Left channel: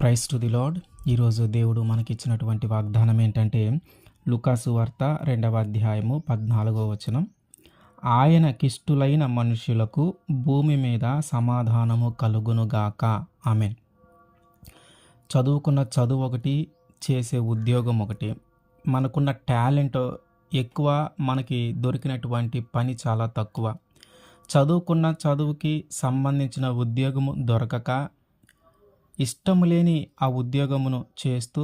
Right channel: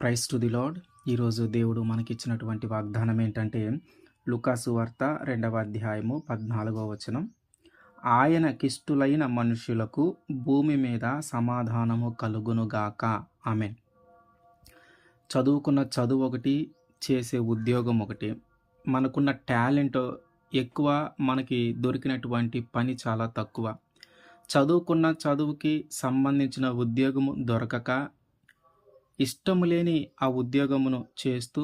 Praise to the lord. ఈరోజు దేవుడు మనకిచ్చినటువంటి వాగ్దానం ఏంటంటే, లూకాసు వార్త 2వ అధ్యాయము 14వ వచనం. ఆయనకిష్టులైన మనుష్యులకు భూమి మీద సమాధానము కలుగునుగాక. ఆమేన్. చదువుకున్న చదువు ఒకటి, చేసే ఉద్యోగం ఒకటి. మనకున్న టాలెంట్ ఎక్కువ, మనకి దొరికినటువంటి పని చాలా తక్కువ. చదువుకున్న చదువుకి సంబంధించిన ఉద్యోగము దొరకక, ఇష్టం లేని ఆ ఉద్యోగమును చేస్తూ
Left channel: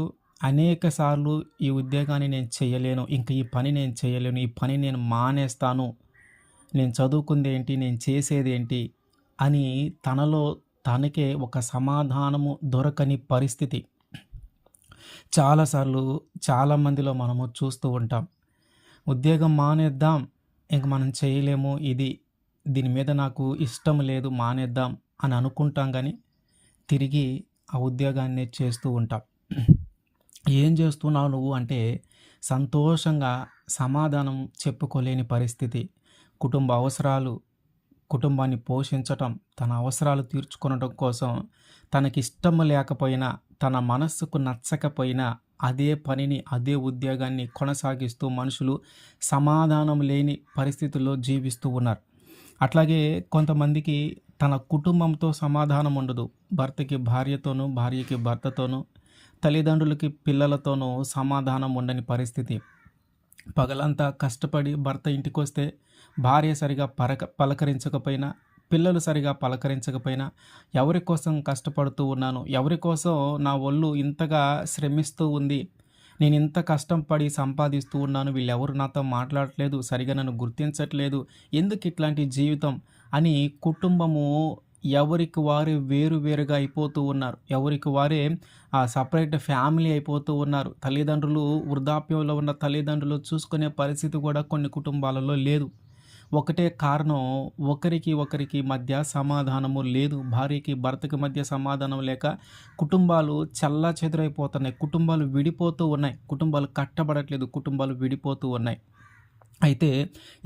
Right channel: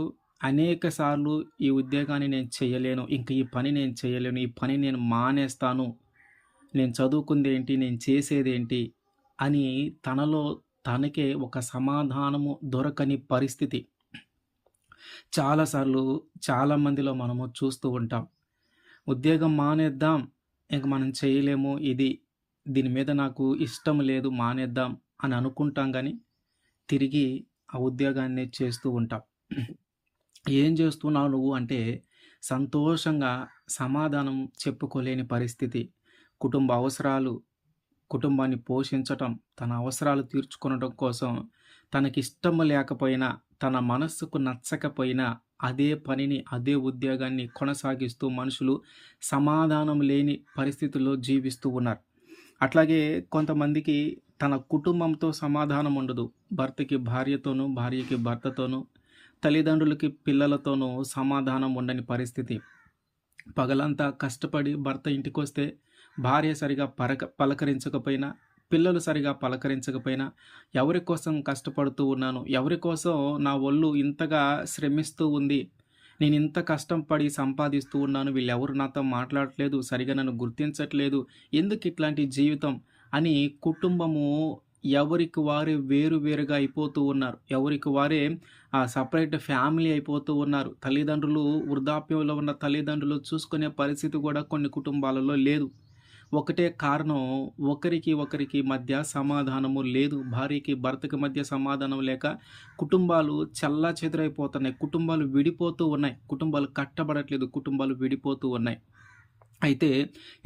అనేక సార్లు ఈ ఉద్యోగాన్ని నేను చేయలేను, ఇంక ఈ పని నేను చేయలేను, ఈ పని నేను మానేస్తాను, నేను చదువుకుంది ఏంటి, నేను చేసేది ఏంటి అని తనలో తనకే ఒక సమాధానము దొరకని పరిస్థితి చాలాసార్లు చాలామందిలో మనము చూస్తూ ఉంటాం. ఉద్యోగం మానేద్దాం, ఇంక మనం చేయలేము, దీని మీద నాకు ఇష్టం లేదు, మానేద్దాం అని అనుకుంటాం, కానీ తిరిగి ఆ ఉద్యోగాన్ని చేస్తూ ఉంటాం. ఏం చేస్తున్నావు నువ్వు అంటే సంతోషంగా సమాధానం చెప్పుకోలేని పరిస్థితి. కుటుంబ అవసరాలు, కుటుంబాన్ని పోషించటం, తన అవసరాలు తీర్చుకొనడం కోసం తనకిష్టం లేకపోయినా, తన మనస్సుకు నచ్చకపోయినా అదే పనిని, అదే ఉద్యోగాన్ని కొనసాగిస్తూ మనుషులు సమాధానం లేని పరిస్థితుల్లో జీవిస్తూ ఉన్నారు. అట్లాగే కొంతమందికి తన కుటుంబంతో సమాధానం ఉండదు. భర్తకి భార్యతోనూ, భార్యకి భర్తతోనూ, తల్లిదండ్రులకి పిల్లలతోనూ సమాధానం ఉండని పరిస్థితి. పగలంతా కష్టపడి భర్త ఇంటికొస్తే భార్య సరిగా పలకరించకపోయినా, పిల్లలు సరిగా పలకరించకపోయినా, ఎవరి కోసం కష్టపడుతూ ఉన్నాను, ఎవరి కోసం నా ఒళ్ళు ఇంతగా శ్రమిస్తూ ఉంది, నేను ఇంత కష్టం పడి సంపాదిస్తూ ఉన్నాను, వీళ్ళెవరు నాతో మాట్లాడట్లేదు, సరిగా నన్ను గుర్తించట్లేదు, ఎందుకు ఇట్లాంటి జీవితం అని కుటుంబము ఎవరికి వారే వేరువేరుగా అయిపోతూ ఉన్నారు. ఎవరికి వారే సపరేట్ ఫ్యామిలీ అయిపోతూ ఉన్నారు. తల్లిదండ్రులు, వృద్ధాప్యంలో ఉన్న తల్లిదండ్రులు చూసుకునే పరిస్థితి కూడా కొన్ని కుటుంబాలలో లేదు. ఒకటే కారణం, ఒకరికి మధ్య సమాధానము లేదు. భార్యకి భర్తకి మధ్య సమాధానం లేక కుటుంబాలు చెల్లాచెదురైపోతున్నాయి, కుటుంబాలు విడిపోతూ ఉన్నాయి, కుటుంబాలు కట్టబడట్లేదు, కుటుంబాలు విడిపోతూ ఉన్నాయి. అయితే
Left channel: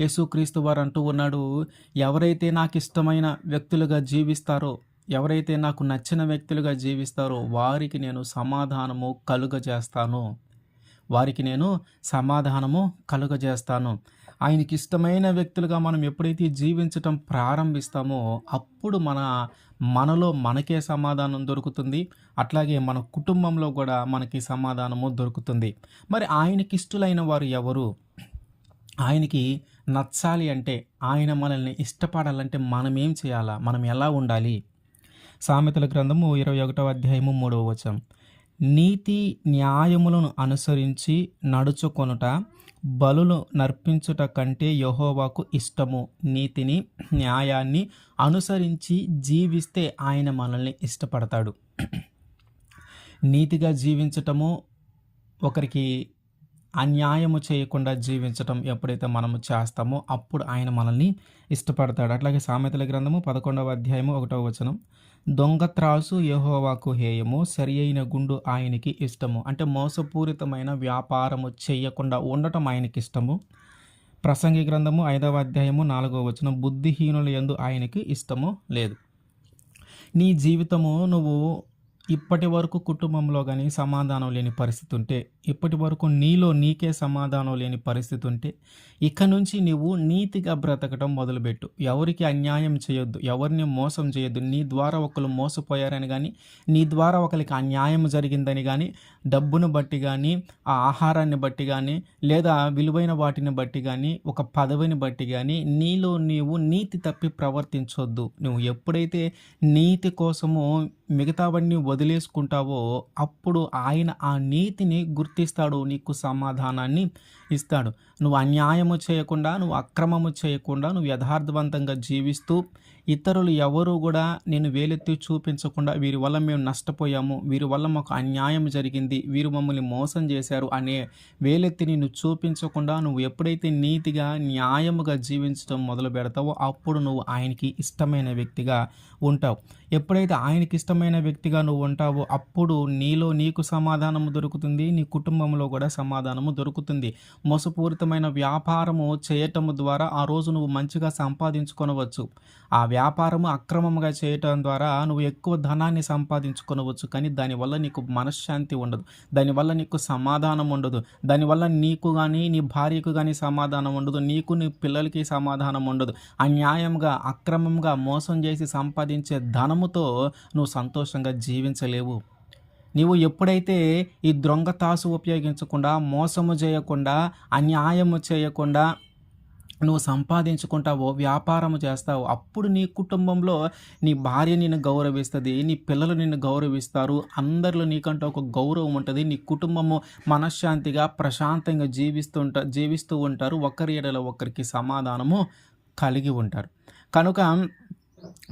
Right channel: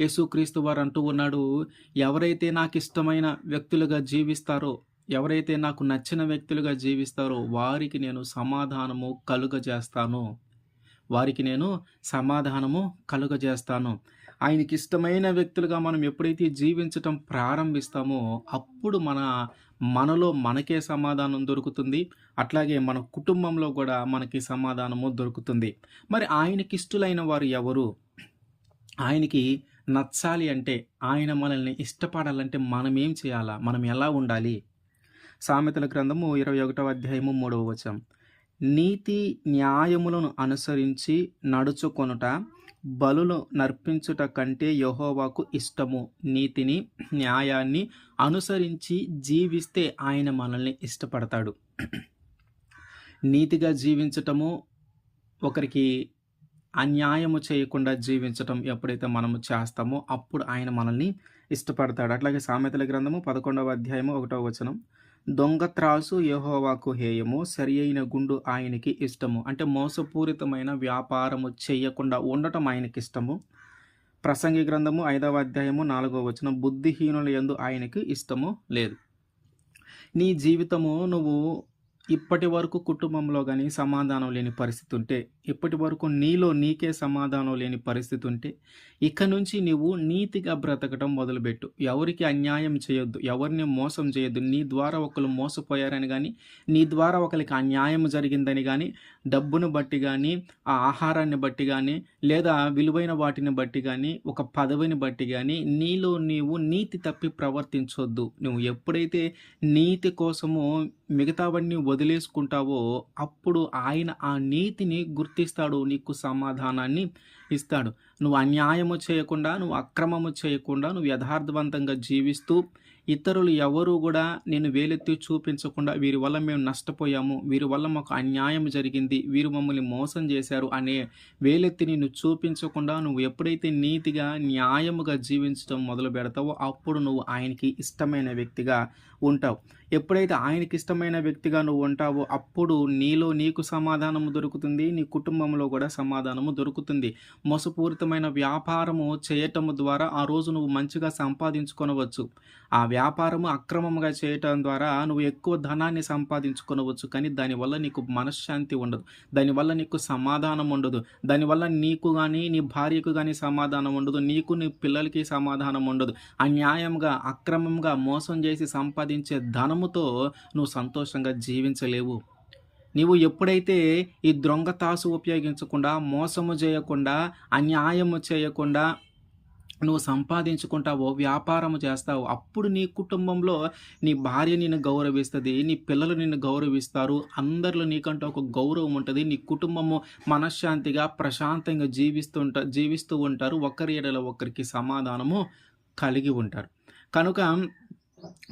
యేసుక్రీస్తు వారు అంటూ ఉన్నాడు, ఎవరైతే నాకు ఇష్టమైన వ్యక్తులుగా జీవిస్తారో, ఎవరైతే నాకు నచ్చిన వ్యక్తులుగా జీవిస్తారో వారికి నేను సమాధానము కలుగజేస్తాను, వారికి నేను సమాధానము కలుగజేస్తాను. ఆయనకి ఇష్టమైన వ్యక్తులుగా మనం ఎప్పుడైతే జీవించటం ప్రారంభిస్తామో అప్పుడు మనలో మనకే సమాధానం దొరుకుతుంది. అట్లాగే మన కుటుంబంలో కూడా మనకి సమాధానము దొరుకుతుంది. మరి ఆయనకి ఇష్టలైన వారు ఎవరు? ఆయనకి నచ్చాలి అంటే, ఆయన మనల్ని ఇష్టపడాలంటే మనం ఏం చేయాలా? మనం ఎలా ఉండాలి? సామెతల గ్రంథము 21వ అధ్యాయము 3వ వచనం. నీతి న్యాయములను అనుసరించి నడుచుకొనుట బలులు నర్పించుట కంటే యెహోవాకు ఇష్టము. నీతిని, న్యాయాన్ని అనుసరించి జీవిస్తే ఆయన మనల్ని ఇష్టపడతాడు. నీతిగా జీవించటము, ఒకరికి అన్యాయము చేయకుండా జీవించటం ఎప్పుడైతే మనము చేస్తామో అప్పుడు ఆయన మనల్ని ఇష్టపడతాడు. అట్లాగే సామెతల గ్రంథము 11వ అధ్యాయము 1వ వచనం. దొంగ త్రాసు యెహోవాకు హేయము, సరి అయిన గుండు ఆయనకి ఇష్టము. అంటే మోసపూరితమైన వ్యాపారము చేయకుండా ఉండటం ఆయనకి ఇష్టము. ప్రసంగి గ్రంథము 5వ అధ్యాయము 4వ వచనం. బుద్ధిహీనుల యందు ఆయనకి ఇష్టము లేదు. నీ జీవితము నువ్వు ఇప్పటి వరకు కుటుంబంలో కానీ సమాధానం లేని పరిస్థితి ఉంటే, ఇప్పటి వరకు నీలో నీకే సమాధానం లేని పరిస్థితి ఉంటే, ఇక నుంచి నువ్వు నీతిగా బ్రతకటం మొదలుపెట్టు. ఎవరికి అన్యాయం చేయొద్దు, ఎవరిని మోసం చేయొద్దు. నీ ద్వారా ఒకరు మోసపోయారని కానీ, నీ ద్వారా ఒకరికి అన్యాయం జరిగిందని కానీ, డబ్బును బట్టి కానీ, ఆ ఆహారాన్ని బట్టి కానీ, లేదా విలువైన వాటిని బట్టి కానీ, ఒక పదవిని బట్టి కానీ నీలో నీవు నీతి తప్పి ప్రవర్తించొద్దు. నువ్వు ఎప్పుడైతే నీతి కోసము మిగతావన్నీ వదిలేసుకుంటావో అప్పుడు ఆయన ఆ నీతిని గుర్తిస్తాడు, నీకు సమాధానాన్ని ఇస్తాడు. నువ్వు అన్యాయము చేయకుండా, నువ్వు అక్రమము చేయకుండా, నువ్వు యథార్థవంతంగా జీవిస్తూ ఇతరులు ఎవరు కూడా నేను వేలెత్తి చూపించకుండా, వీరి వల్ల మేము నష్టపోయాము, వీరి వల్ల మాకు అన్యాయం జరిగింది, వీరు మమ్మల్ని మోసం చేశారు అనే వేలెత్తి నిన్ను చూపించకుండా నువ్వు ఎప్పుడైతే నీతిగా, న్యాయముగా జీవించడం మొదలు పెడతావో అప్పుడు నువ్వు ఆయనకి ఇష్టమైన వ్యక్తిగా ఉంటావు. ఎప్పుడైతే ఆయనకి ఇష్టమైన వ్యక్తిగా నువ్వు ఉంటావో అప్పుడు నీలో నీకు సమాధానము దొరుకుతుంది, నీ కుటుంబంలో కూడా సమాధానము దొరుకుతుంది. మోసపూరితమైన వ్యాపారము చేయటము ద్వారా ఆ రోజు నువ్వు మంచిగా సంపాదించుకొనవచ్చు. ఆ వ్యాపారము అక్రమంగా చేయటం ద్వారా నువ్వు ఎక్కువ ధనాన్ని సంపాదించుకొనవచ్చు. కానీ దానివల్ల నీకు మనశ్శాంతి ఉండదు. దానివల్ల నీకు సమాధానం ఉండదు. దానివల్ల నీకు గానీ, నీ భార్యకు గానీ సమాధానం ఉండదు. నీకు, నీ పిల్లలకి సమాధానం ఉండదు. అన్యాయంగా, అక్రమంగా మోసం చేసి సంపాదించే ధనముతో నువ్వు సంతోషంగా జీవించలేవు. నీవు ఎప్పుడైతే ఈ దొంగతాసు ఉపయోగించకుండా, మోసము చేయకుండా, అన్యాయము చేయకుండా నువ్వు సంపాదించుకుంటావో, వ్యాపారము చేస్తావో, అప్పుడు నీ కుటుంబంలో నీ భార్య నిన్ను గౌరవిస్తది. నీ పిల్లలు నిన్ను గౌరవిస్తారు. అందరిలో నీకంటూ ఒక గౌరవం ఉంటది. నీ కుటుంబము మనశ్శాంతిగా, ప్రశాంతంగా జీవిస్తూ ఉంటారు. ఒకరి ఎడల ఒకరికి సమాధానము కలిగి ఉంటారు. కనుక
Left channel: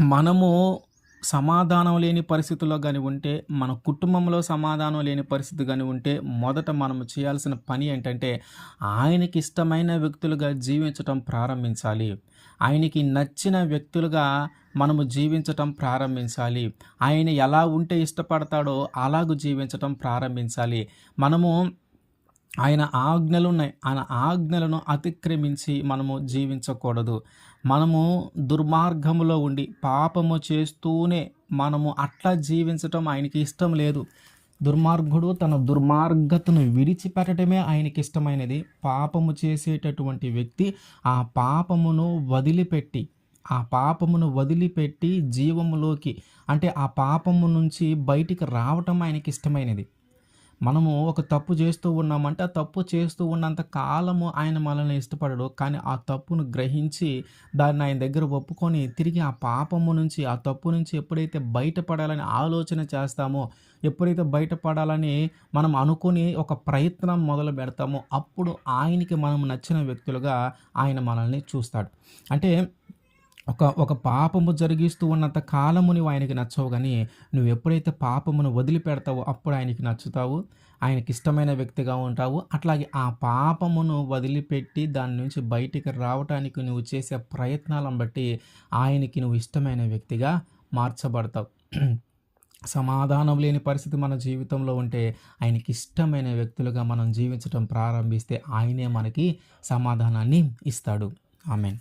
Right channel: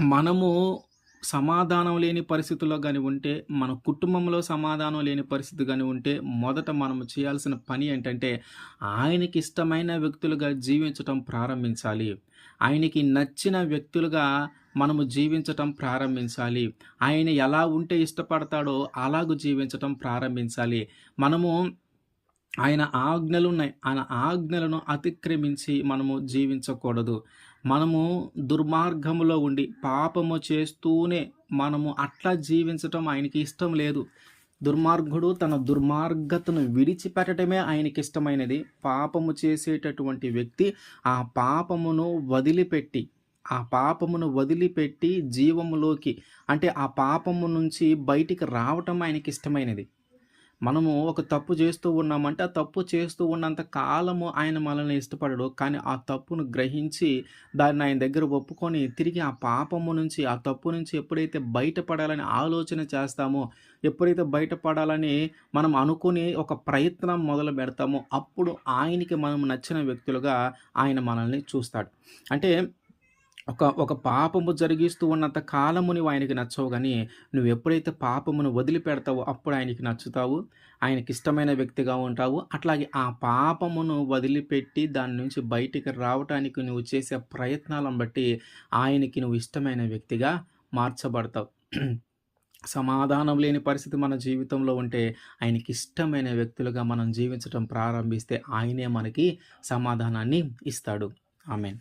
మనము సమాధానం లేని పరిస్థితుల్లో గాని ఉంటే, మన కుటుంబంలో సమాధానం లేని పరిస్థితి గాని ఉంటే, మొదట మనము చేయాల్సిన పని ఏంటంటే, ఆయనకి ఇష్టమైన వ్యక్తులుగా జీవించటం ప్రారంభించాలి. ఆయనకి నచ్చిన వ్యక్తులుగా మనము జీవించటం ప్రారంభించాలి. ఆయన ఎలా ఉంటే ఇష్టపడతాడో అలాగు జీవించటం ప్రారంభించాలి. మనము ఆయన ఆజ్ఞలున్నాయి. ఆయన ఆజ్ఞలను అతిక్రమించి మనము జీవించకూడదు. మనము దుర్మార్గములో ఉండి పాపము చేస్తూనే మనము అట్లా జీవించటం ఆయనకి ఇష్టం లేదు. దుర్మార్గుడు తన దుర్మార్గతను విడిచిపెట్టడమే ఆయనకిష్టమైనది. పాపము చేసేటటువంటి వ్యక్తి ఆ పాపమును వదిలిపెట్టి, జీవములోకి, అంటే ఆ పాపము నుంచి బయటికి రావటం ఆయనకిష్టమైనది. మనము ఒక తప్పు చేస్తూ ఉన్నామంటే, ఆ తప్పు చేస్తూ ఉన్నంత కాలము ఆయన మనల్ని ఇష్టపడడు. కానీ ఆ తప్పును గ్రహించి దాన్ని ఆయన దగ్గర ఒప్పుకొని తిరిగి ఆ పాపము నుంచి, ఆ తప్పు నుంచి ఎప్పుడైతే బయటపడాలని ఆలోచన చేస్తామో, ఎప్పుడైతే బయటపడాలని మనం అనుకుని ఒక ప్రయత్నం మొదలు పెడతామో, అప్పుడు ఆయనకి మనం నచ్చిన వ్యక్తులుగా ఆయన మనల్ని చూస్తాడు. అంటే ఒక పాపము జరిగిస్తూ ఉన్నంత కాలము నువ్వు ఆయనకి నచ్చవు గానీ, నువ్వెప్పుడైతే పాపమును వదిలిపెడతావో అప్పుడు ఆయనకి నచ్చుతావు. ఆయనకిష్టమైన వ్యక్తిగా ఉంటావు. అట్లాగే ఆ పాపమును వదిలిపెట్టి దాని నుంచి బయటికి రావటానికి నువ్వు చేసే ప్రయత్నాలను బట్టి ఆయనకి నువ్వు ఇష్టమైన వ్యక్తిగా మార్చబడతావు. సమాధానం లేని పరిస్థితి మన జీవితంలో ఉంటే, ఆయనకిష్టమైన వ్యక్తులుగా మనం జీవించటం ప్రారంభిస్తే ఆయనే మనకి సమాధానాన్ని ఇస్తాడు. ఆమేన్.